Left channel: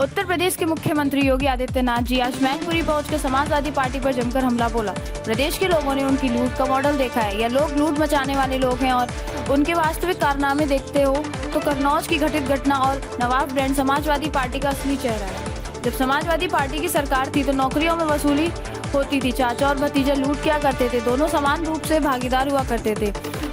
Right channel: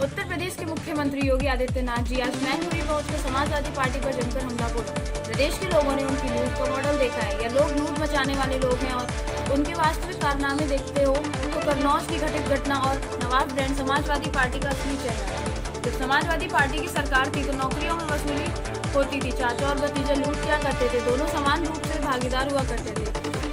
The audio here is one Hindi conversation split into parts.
उत्तर प्रदेश के मुख्यमंत्री योगी आदित्यनाथ जी आज मैनपुरी पहुंचकर समाजवादी पार्टी पर जमकर हमला बोला। प्रदेश के लोगों ने उनकी लूट का मॉडल देखा है। यह लोग लूट मचाने वाले लोग हैं और उनके वास्तविक कारनामे देखते हो तो कन्नौज की घटित घटना और नवाब ब्रांड समाजवादी पार्टी का असली चेहरा है। जब समाजवादी पार्टी की सरकार थी तो नौकरियों में वसूली होती थी। चाचा और भतीजा लूट क्या करते थे, दोनों समान रूप से भागीदार हुआ करते थे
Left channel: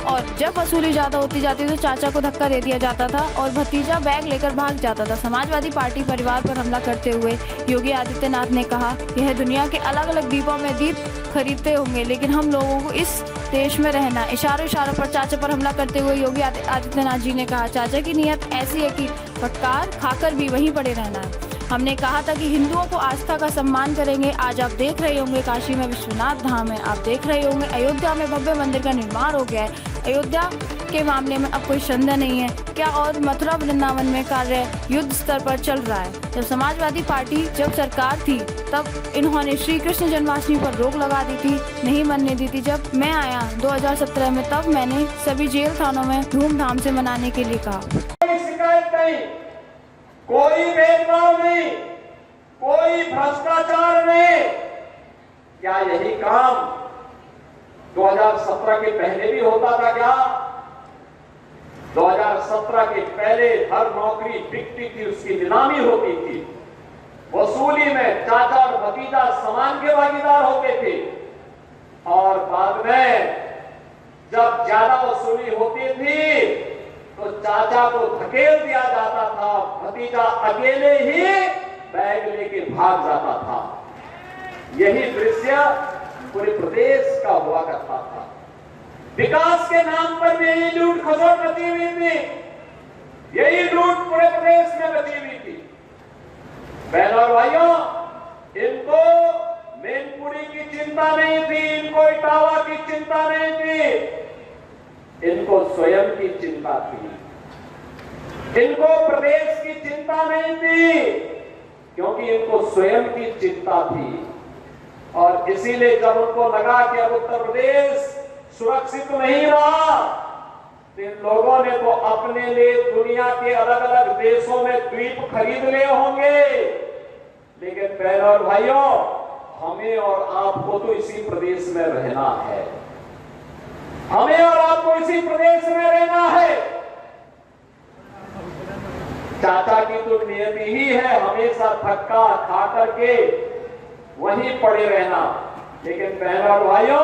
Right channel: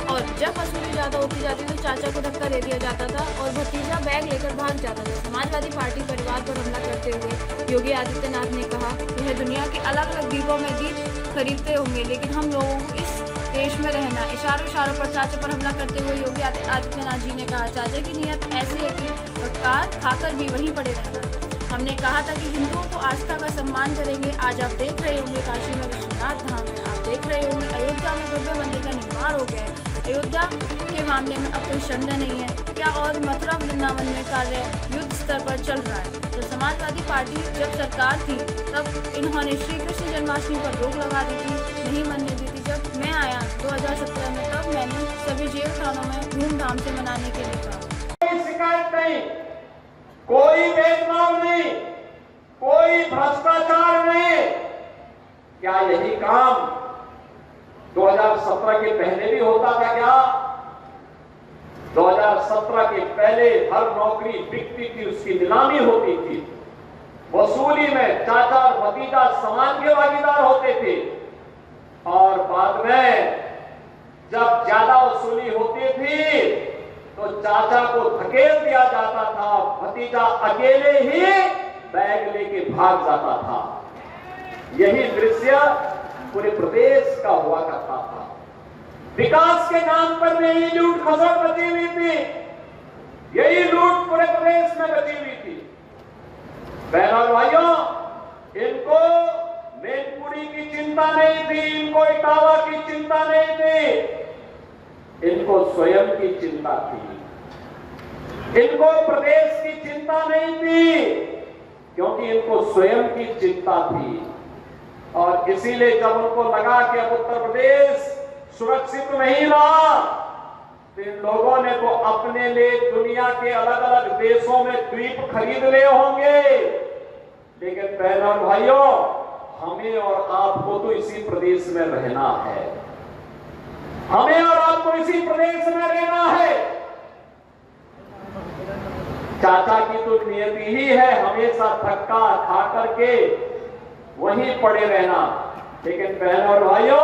और जब वसूली ज्यादा होती जाती तो चाचा को धक्का दे दिया जाता था और भतीजा बैग लेकर भाग जाता था। समाजवादी पार्टी परिवार पर हमला करते हुए योगी आदित्यनाथ ने कहा, यह दुनिया के अलग अलग द्वीपों में दीप खरीदते होंगे लेकिन हम लोगों को इस देश में रहना। इशारों पर चाचा पर हमला करते हुए योगी आदित्यनाथ जी ने कहा, चाचा की नीयत ऐसी है कि फटकार खाकर भी वहीं पड़े रहना है। हमने कहा था कि हिंदुओं को आस्था का सम्मान करेंगे। आज आप देख रहे होंगे काशी में विश्वनाथ धाम है, आप देख रहे होंगे अयोध्या में भव्य मंदिर का निर्माण हो गया है। अयोध्या के मामले में अब कोई संदेह नहीं है क्या, और मथुरा वृंदावन में कार्य युद्ध स्तर पर चल रहा है। जब समाजवादी पार्टी जब सरकार थी तब इन्होंने श्री कृष्ण जन्माष्टमी पर रोक लगा दी थी, नहीं मनने दी थी। जब मैं आया 2017 में तब मैंने सभी जेल खानों में धूमधाम से मनाने के लिए कहा। शिकायत नहीं, कोई भेदभाव नहीं, कोई भ्रष्टाचार नहीं। क्या यही काम 2017 के पहले भी होता था क्या? 2017 के पहले हर नौकरी बिकती थी, उसकी नीलामी होती थी, वसूली में चाचा और भतीजा समान के भागीदार होते थे और बाद में जब ज्यादा वसूली होती थी तो चाचा को धकेल दिया जाता था, भतीजा अकेले ही बैग लेके भाग जाता था। यही दृश्य पूरे प्रदेश का हुआ करता था। विकास के नाम पर भी यही लूट खसोट मची हुई थी, यही लूट पूरे प्रदेश में मची हुई थी। बहनों और भाइयों, इनको मैनपुरी की चिंता नहीं थी, इनको इटावा की चिंता नहीं थी, इनको स्वयं की चिंता थी। इनको प्रदेश की चिंता नहीं थी क्योंकि इनको स्वयं की चिंता थी। और इसीलिए जब उनको लगा कि अब उत्तर प्रदेश सुरक्षित नहीं रहा तो इन लोगों ने तो अपने लिए दुनिया के अलग अलग देशों में द्वीप खरीद लिए होंगे। लेकिन बहनों और भाइयों, हमें और आपको तो इसी प्रदेश में रहना है, हमें और आपको इसी प्रदेश में रहना है। चाचा की तो नियति ही है हमेशा धक्का खा करके वहीं पड़े रहना। लेकिन बहनों और भाइयों,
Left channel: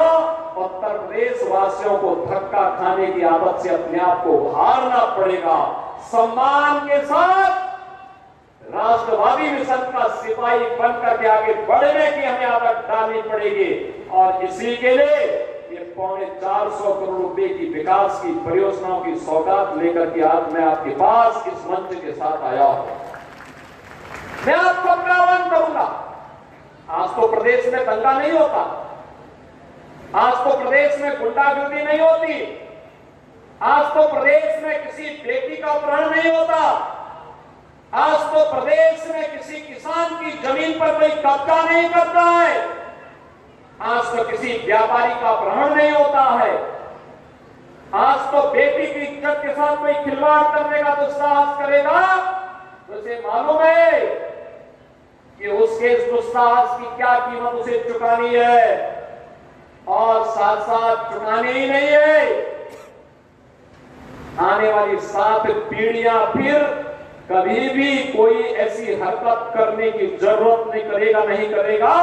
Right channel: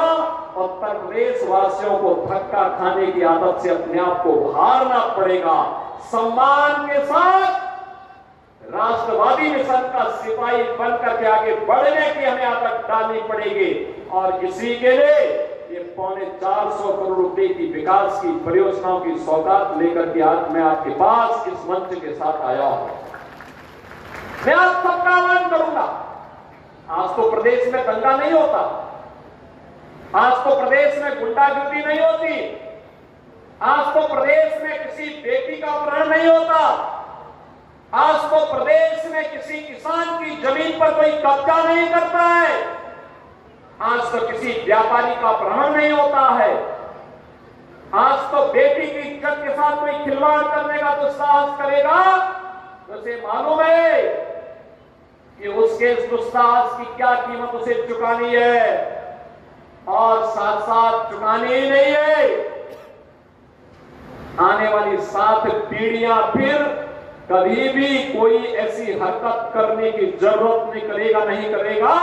उत्तर प्रदेश वासियों को धक्का खाने की आदत से अपने आप को हारना पड़ेगा। सम्मान के साथ राष्ट्रवादी मिशन का सिपाही बनकर के आगे बढ़ने की हमें आदत डालनी पड़ेगी और इसी के लिए ये 450 करोड़ रुपए की विकास की परियोजनाओं की सौगात लेकर के आज मैं आपके पास इस मंच के साथ आया हूं। मैं आप सबका आह्वान करूंगा, आज तो प्रदेश में दंगा नहीं होता, आज तो प्रदेश में गुंडागर्दी नहीं होती, आज तो प्रदेश में किसी बेटी का अपहरण नहीं होता, आज तो प्रदेश में किसी किसान की जमीन पर कोई कब्जा नहीं करता है, आज तो किसी व्यापारी का अपहरण नहीं होता है, आज तो बेटी की इज्जत के साथ कोई खिलवाड़ करने का तो साहस करेगा तो उसे मालूम है कि उसके दुस्साहस की क्या कीमत उसे चुकानी है और साथ साथ चुकानी ही नहीं है। आने वाली 7 पीढ़ियां फिर कभी भी कोई ऐसी हरकत करने की जरूरत नहीं करेगा।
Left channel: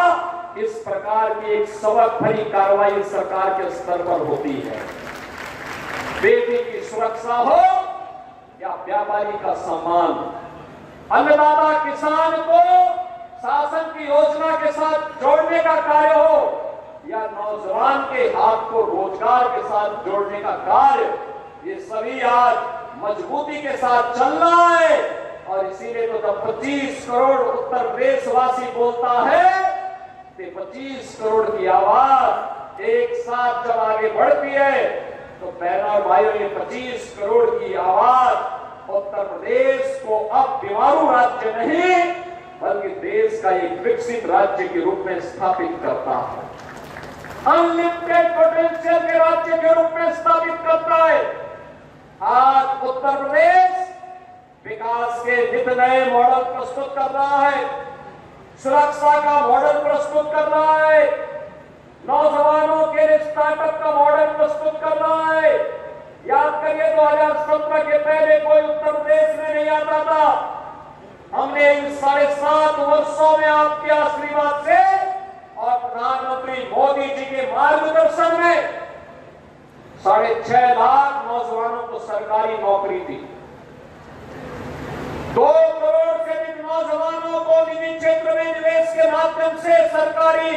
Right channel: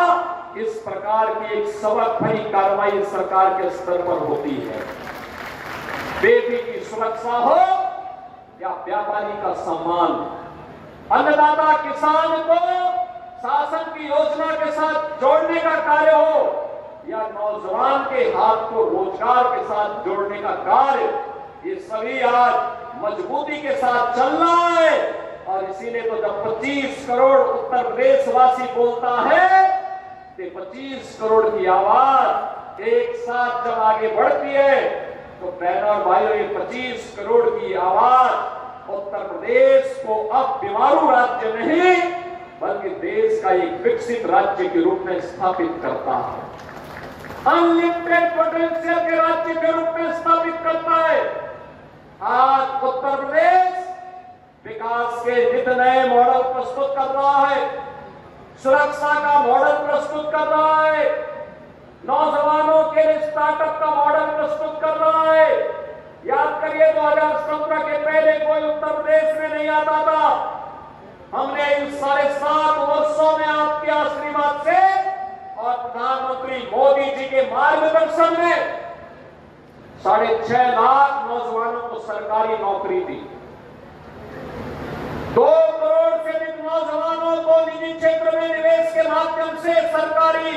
इस प्रकार की एक सबक भरी कार्रवाई सरकार के स्तर पर होती है। बेटी की सुरक्षा हो या व्यापारी का सम्मान, अन्नदाता किसान को शासन की योजना के साथ जोड़ने का कार्य हो या नौजवान के हाथ को रोजगार के साथ जोड़ने का कार्य, ये सभी आज मजबूती के साथ चलना है। और इसीलिए तो जब 25 करोड़ उत्तर प्रदेश वासी बोलता है तो 25 करोड़ की आवाज एक साथ जब आगे बढ़ती है तो बहनों और भाइयों, ये 25 करोड़ की आवाज उत्तर प्रदेश को अब बीमारू राज्य नहीं बल्कि देश का एक विकसित राज्य के रूप में स्थापित करता है, अनलिमिटेड पोटेंशियल के राज्य के रूप में स्थापित करता है। आज उत्तर प्रदेश विकास के नित नए मॉडल प्रस्तुत कर रहा है, सुरक्षा का मॉडल प्रस्तुत कर रहा है, नौजवानों के लिए स्टार्टअप का मॉडल प्रस्तुत कर रहा है। याद करिए 2017 के पहले कोई उत्तर प्रदेश में नहीं आता था। हमने इन 7.5 वर्षों में आपके आशीर्वाद से और प्रधानमंत्री मोदी जी के मार्गदर्शन में 6.5 लाख नौजवानों को सरकारी नौकरी दी। 2 करोड़ से अधिक नौजवानों को निजी क्षेत्र में निवेश के माध्यम से सरकारी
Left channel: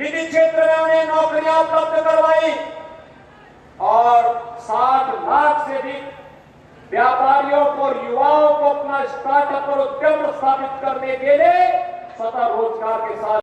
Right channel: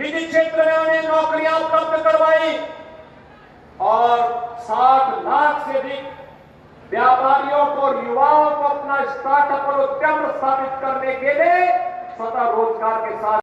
निजी क्षेत्र में उन्हें नौकरियां उपलब्ध करवाई और 60 लाख से अधिक व्यापारियों को, युवाओं को अपना स्टार्टअप और उद्यम स्थापित करने के लिए स्वतः रोजगार के साथ